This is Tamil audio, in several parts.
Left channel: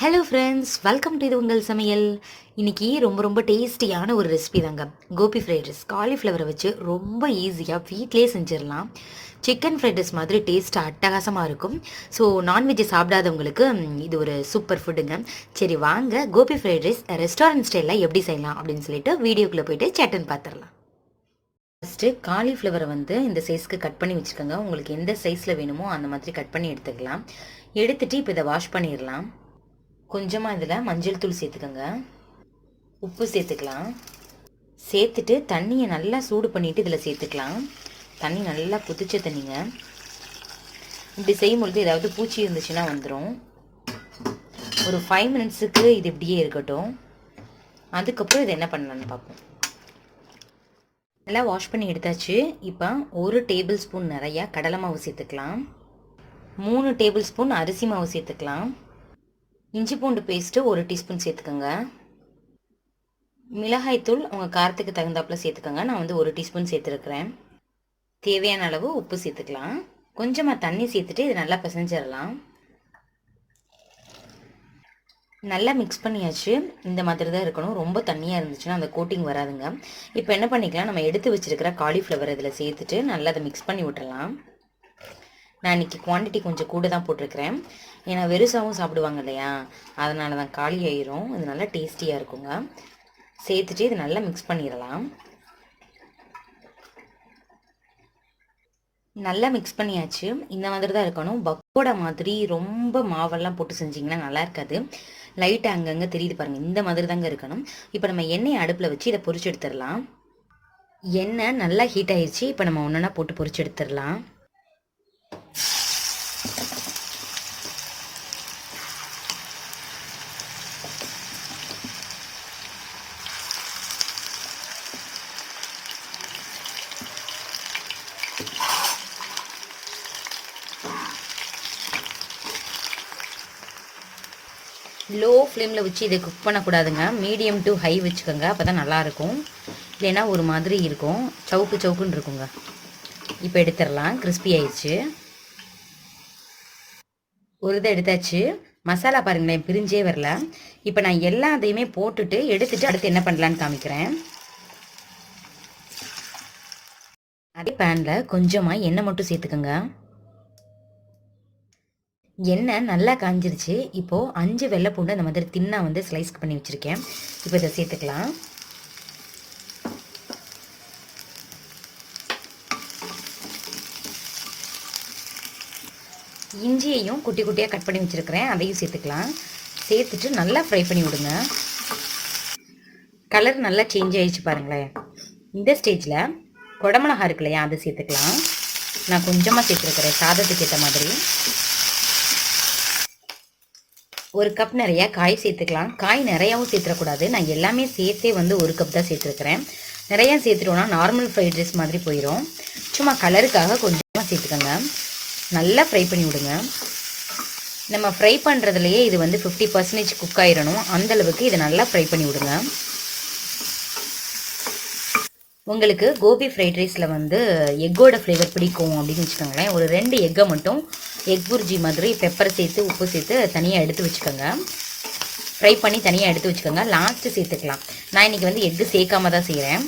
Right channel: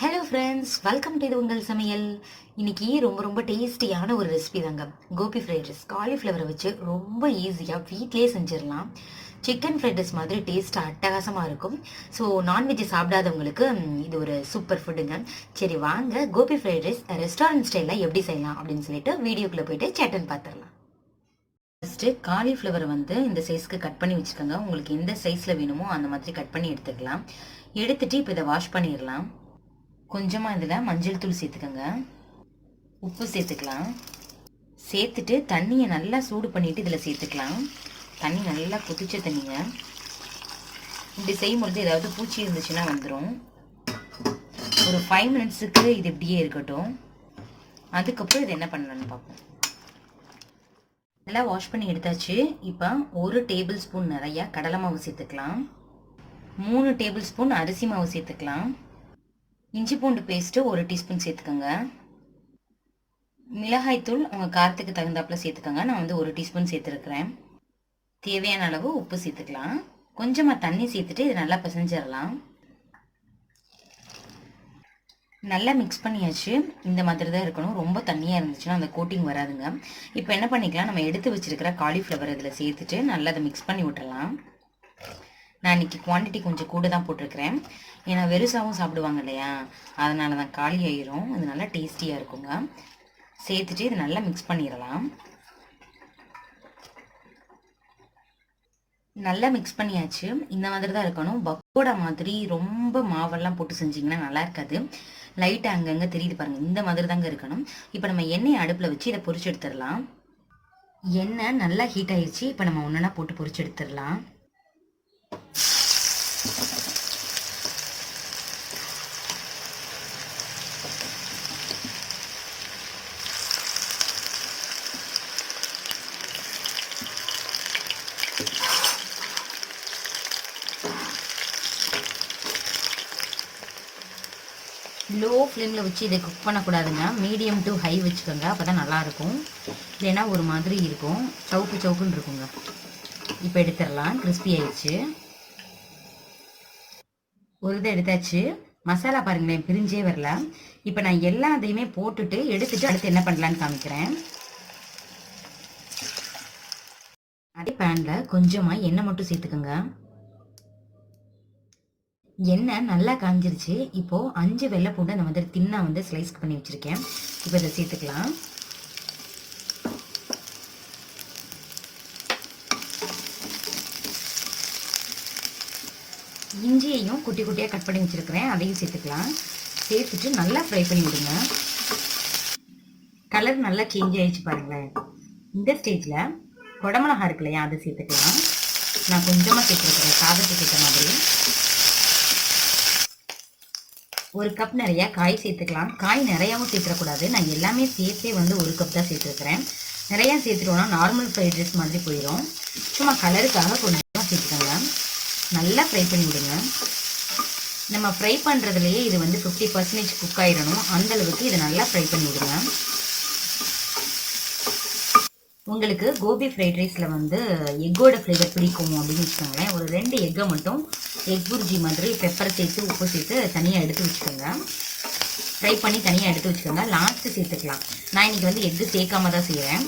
ஹலோ ஃப்ரெண்ட்ஸ் வெல்கம் டு இது உங்கள் சமையல். இன்னைக்கு ரொம்ப ரொம்ப டேஸ்டியான ஒரு ரெசிபி தாங்க. கோபி ஃப்ரைட் ரைஸ் காலிஃப்ளவரை வச்சு ரொம்ப ஈஸியாக வீட்லேயே செஞ்சிடலாம். சிக்கன் ஃப்ரைட் ரைஸ் மாதிரி டேஸ்ட் அட்டகாசமாக இருக்கும். ஸோ நான்வெஜ் சாப்பிடாதவங்களுக்கு இது ஒரு சூப்பர் ஃபுட்டுங்க சரி வாங்க. கோபி ஃப்ரைட் ரைஸ் ரெஸ்டாரண்ட் ஸ்டைலில் எப்படி செய்யலாம் அப்படின்னு சொல்லிட்டு வீடியோக்குள்ளே போயிட்டு சேட்டன் பார்த்துடலாம் ஃபஸ்ட்டு காலிஃப்ளவரை வந்து இந்த சைஸ்க்கு கட் பண்ணி வச்சுக்கோங்க. உங்களுக்கு எந்த சைஸில் வேணுமோ அந்த மாதிரி கட் பண்ணி எடுத்துக்கலாம். எடுத்துட்டு இப்போ இதை வாஷ் பண்ணிடலாம். கொஞ்சமாக இதில் மஞ்சள் தூள் சேர்த்துக்கோங்க. உப்பு சேர்த்துக்கலாம். சேர்த்துட்டு தண்ணியை நல்லா சூடு பண்ணிவிட்டு இதில் சேர்த்துக்கலாம். தண்ணி நல்லா கொதிச்ச தண்ணிங்க. இப்படி செய்யும் பொழுது ஏதாவது பூச்சி இருந்துச்சுன்னா வந்துடும் ஒரு ஃபைவ் மினிட்ஸுக்கு இது இப்படியே இருக்கட்டும். அதுக்கப்புறம் இது என்ன பண்ணலான்னு பார்ப்போம். நல்லா வாஷ் பண்ணி எடுத்தாச்சு. இப்போ ஒரு டேபிள் ஸ்பூன் நிறையா கடலை மாவு சேர்த்துக்கலாம். மூணு டேபிள் ஸ்பூன் அரிசி மாவு சேர்த்துக்கலாம். இஞ்சி பூண்டு பேஸ்ட்டு ஒரு டீஸ்பூன் சேர்த்துக்கோங்க. மிளகாய்த்தூள் உங்கள் காரத்துக்கு தகுந்தாப்பில் சேர்த்துக்கோங்க. நான் வந்து ஒரு டீஸ்பூன் சேர்த்துருக்குறேன். தேவையான அளவு உப்பு சேர்த்துக்கலாம். கொஞ்சமாக தண்ணி சேர்த்துட்டு இதை நல்லா பிசைஞ்சிடலாம். நல்லா மிக்ஸ் பண்ணியாச்சு. இந்த மாதிரி தான் இருக்கணும். ரொம்ப தண்ணியாக இருந்துச்சுன்னா அந்த கோட்டிங் வராதுங்க. இப்போ என்ன பண்ணிக்கலாம்? நம்ம எடுத்து வச்சுருக்கிற காலிஃப்ளவர் இதில் சேர்த்துட்டு நல்லா அதை மிக்ஸ் பண்ணி விட்டுறலாம் நான் இன்னைக்கு குவான்டிட்டி கொஞ்சம் கூட தான் போட்டிருக்கிறேன். ஏன்னா வெறுசாகவும் சாப்பிடுவாங்க இல்லையா? அதனால தான் காலி ஆயிரும். இது நல்லா டேஸ்டியாக இருக்குங்க. சேர்த்துட்டு இது நல்லா மிக்ஸ் பண்ணிடலாம். நல்லா மிக்ஸ் பண்ணியாச்சு. இந்த மாதிரி தான் இருக்கணும். பக்கோடா மாதிரி ரொம்ப மாவெல்லாம் போட்டு செஞ்சிங்கன்னா நல்லா இருக்காது. லைட்டாக அங்கங்கே தெரியுது பாருங்கள் இந்த மாதிரி தாங்க இருக்கணும். இப்போ நம்ம எண்ணெயை அடுப்பில் வச்சு இதை பொறிச்சு எடுத்துடலாம். எண்ணெய் நல்லா ஹீட் ஆயிடுச்சு இப்போ நம்ம ஒன்றா போட்டு பொரிச்சு எடுத்துடலாம். லோ ஃப்ளேமில் வச்சு இதை குக் பண்ணக்கூடாதுங்க. மீடியம் டு ஹை வச்சுக்கோங்க. அப்போ தான் நல்லாயிருக்கும். இல்லைன்னா ஒரு மாதிரி இருக்கும். சவுக்கு சவுக்குன்னு இருக்குங்க. இப்போ எடுத்துடலாம். கிறிஸ்பி ஆயிடுச்சு. ஒரு இதை எடுத்தாச்சு. மசாலா பாருங்களேன். பிரிஞ்சே வரல. இப்போ நான் எல்லா இதையுமே போட்டுட்டு எடுத்துட்டு அடுத்து என்ன பண்ணலான்னு காமிக்கிறேன். அதே பேனில் கொஞ்சமாக எண்ணெய் மட்டும் சேர்த்துக்கோங்க. எண்ணெய் நல்லா காஞ்சிருச்சு. இப்போது அஞ்சு வெள்ளை பூண்டு அந்த மாதிரி தின்னாக வந்து ஸ்லைஸ் பண்ணி வச்சுருக்கேன். இப்போ இதை சேர்த்துக்கலாம். இஞ்சியையும் குட்டி குட்டியாக கட் பண்ணி வச்சுருக்கிறேன். அதையும் சேர்த்துக்கலாம். சேர்த்துட்டு நல்லா ஃப்ரை பண்ணி விடுங்க. கலர் நல்லா சேஞ்ச் ஆகிடுச்சு பாருங்களேன். இந்த ஸ்டேஜில் குடமிளகா இருக்கு இல்லையா அதை சேர்த்துக்கலாம். நான் கொஞ்சமாக சேர்த்துருக்குறேன். சாதத்துக்கு ஏற்ற மாதிரி. ஒரு கப் நிறைய காய் சேர்த்துக்கலாம். காய் நிறையாவும் சேர்த்துடக்கூடாது நான் எல்லாமே சேர்த்தே வந்து ஒரு கப் தான் சேர்த்துருக்கிறேன். நிறையா சேர்த்துட்டோம்னா நார்மல் ஃப்ரைட் ரைஸ் மாதிரி போயிடும் சும்மா கலருக்காக கொஞ்சமாக சேர்த்துக்கோங்க. நல்லா ஃப்ரை பண்ணி விடுங்க நம்ம ஃப்ரை பண்ணுறதுலையே இது வந்து ஃபிஃப்டி பர்சன்டேஜ் குக் ஆயிடணும் அந்த அளவுக்கு இதை நல்லா ஃப்ரை பண்ணிவிடுங்க. உங்களுக்கு கோபி ஃப்ரைட் ரைஸில் வந்து எக்கோட ஃப்ளேவர் பிடிக்கும் அப்படின்னு வச்சுக்கோங்களேன். ஒரு ரெண்டு எக்கை மட்டும் எக் புர்ஜி மாதிரி பெப்பர் சேர்த்து உப்பு சேர்த்து தனியாக எடுத்து வச்சுக்கோங்க. ஃப்ரை பண்ணி தனியாக எடுத்து வச்சுக்கோங்க. லாஸ்ட்டு சேர்த்துக்கலாம். நான் இன்றைக்கி வந்து எக்கு சேர்க்காம தான் செய்கிறேன்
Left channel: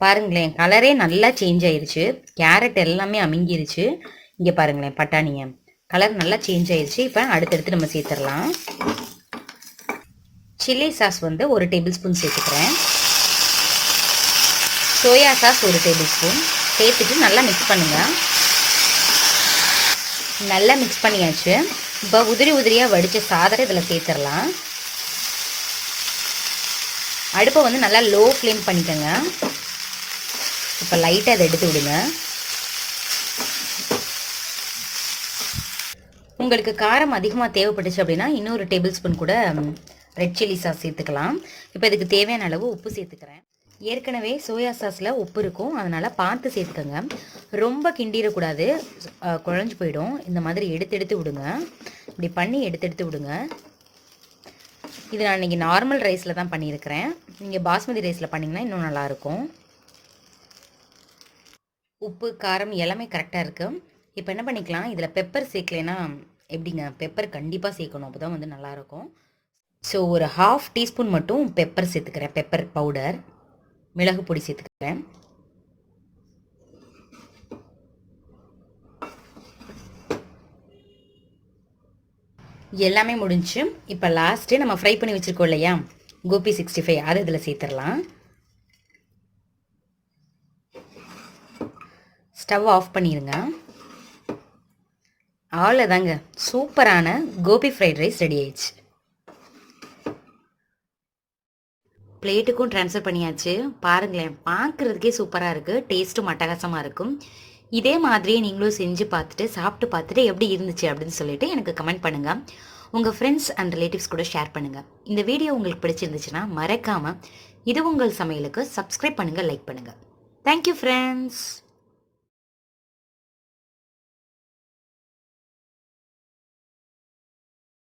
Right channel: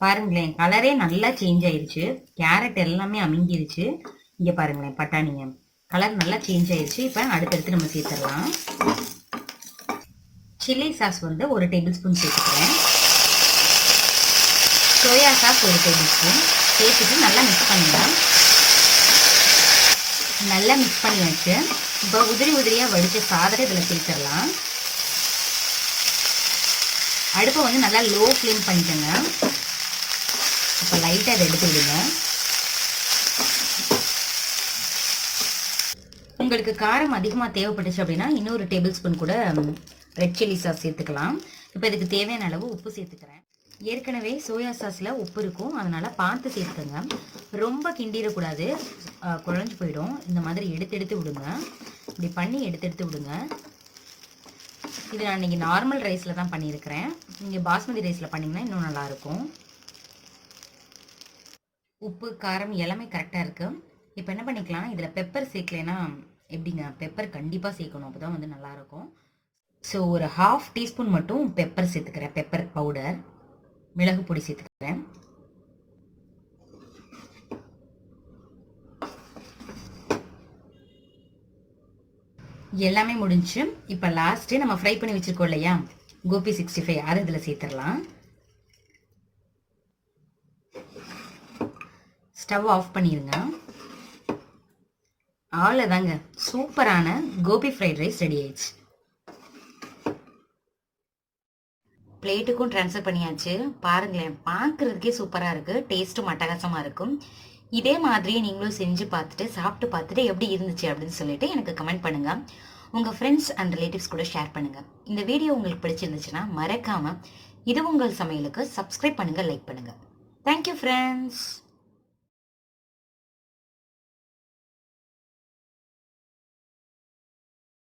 பாருங்களேன் கலரே நல்லா சேஞ்ச் ஆயிடுச்சு கேரட் எல்லாமே அமுங்கிருச்சு. இங்கே பாருங்களேன் பட்டாணியை கலர் நல்லா சேஞ்ச் ஆயிடுச்சு இப்போ அடுத்தடுத்து நம்ம சேர்த்துடலாம். சில்லி சாஸ் வந்து ஒரு டேபிள் ஸ்பூன் சேர்த்துக்கிறேன். சோயா சாஸ் ஒரு டேபிள் ஸ்பூன். சேர்த்துட்டு நல்லா மிக்ஸ் பண்ணுங்கள் நல்லா மிக்ஸ் பண்ணியாச்சு. இப்போ உதிரி உதிரியாக வடித்த சாதத்தை இதில் சேர்த்துடலாம். அடுப்பை வந்து நல்லா லோ ஃப்ளேம் பண்ணிக்கோங்க. இப்போ லைட்டாக அதை எடுத்து விடுங்க. உங்களுக்கு காரம் அதிகமாக தேவைப்பட்டுச்சு அப்படின்னா இன்னொரு டேபிள் ஸ்பூன் கூட ரெட் சில்லி சாஸ் சேர்த்துக்கலாம். இப்போ இதுக்கு தேவையான அளவு உப்பு சேர்த்துக்கிறேன். ஏற்கனவே சோயா சாஸில் உப்பு இருக்கும். அதனால் பார்த்து சேர்த்துக்கோங்க. ரொம்ப கிண்டிடக்கூடாது. குழஞ்சி குழஞ்சு போயிடும். இந்த மாதிரி எடுத்து எடுத்து விடுங்க. இப்படி பண்ணி எடுத்து எடுத்து விடுங்க. இது நான் இன்றைக்கி நார்மல் ரைஸில் தான் பண்ணியிருக்கிறேன். நீங்கள் பாஸ்மதி ரைஸில் பண்ணிங்கன்னா இன்னும் நல்லாயிருக்கும். உப்பு காரம் எல்லாமே கரெக்டாக இருக்குது இப்போ என்ன பண்ணிக்கலாம்? இதில் பெப்பர் சேர்க்கலைன்னா எப்படிங்க? பெப்பர் கண்டிப்பாக சேர்க்கணும். அப்போ தான் வந்து நல்லாயிருக்கும். ஸோ ஒரு ஹாஃப் டீஸ்பூன் மட்டும் பெப்பர் சேர்த்துக்கிறேன். Pepper powder. மிளகு பொடி சேர்த்துக்கிறேன். எல்லாமே முடிஞ்சு இப்போ லாஸ்ட்டு நம்ம ஃப்ரை பண்ணி வச்சுருக்கோம் இல்லையா? கோபி சிக்ஸ்டி ஃபைவ் அதை இதில் சேர்த்துடலாம். ஸ்டவ் ஆஃப் பண்ணிடுங்க அவ்வளோதாங்க சூப்பரான கோபி ஃப்ரைட் ரைஸ் ரெடி ஆயிடுச்சு. பிளேட்டுக்கும் ட்ரான்ஸ்ஃபர் பண்ணியாச்சு. பாருங்களேன் பார்க்குறதுக்கே சூப்பராக இருக்குது டேஸ்ட்டும் அட்டகாசமாக இருக்கும். இதே மாதிரியே நீங்களும் செஞ்சு பார்த்துட்டு சாப்பிட்டு பார்த்துட்டு எப்படி இருந்துச்சு அப்படின்னு சொல்லிட்டு எனக்கு கமெண்ட் பண்ணுங்கள் உங்கள் ஃப்ரெண்ட்ஸ் அண்ட் ரிலேட்டிவ்ஸ் கூட ஷேர் பண்ணுங்கள் இந்த வீடியோ உங்களுக்கு பிடிச்சிருந்துச்சுன்னா மறக்காமல் இது உங்கள் சமையலுக்கு சப்ஸ்கிரைப் பண்ணுங்கள் லைக் பண்ணுங்கள் தேங்க்யூ ஃப்ரெண்ட்ஸ்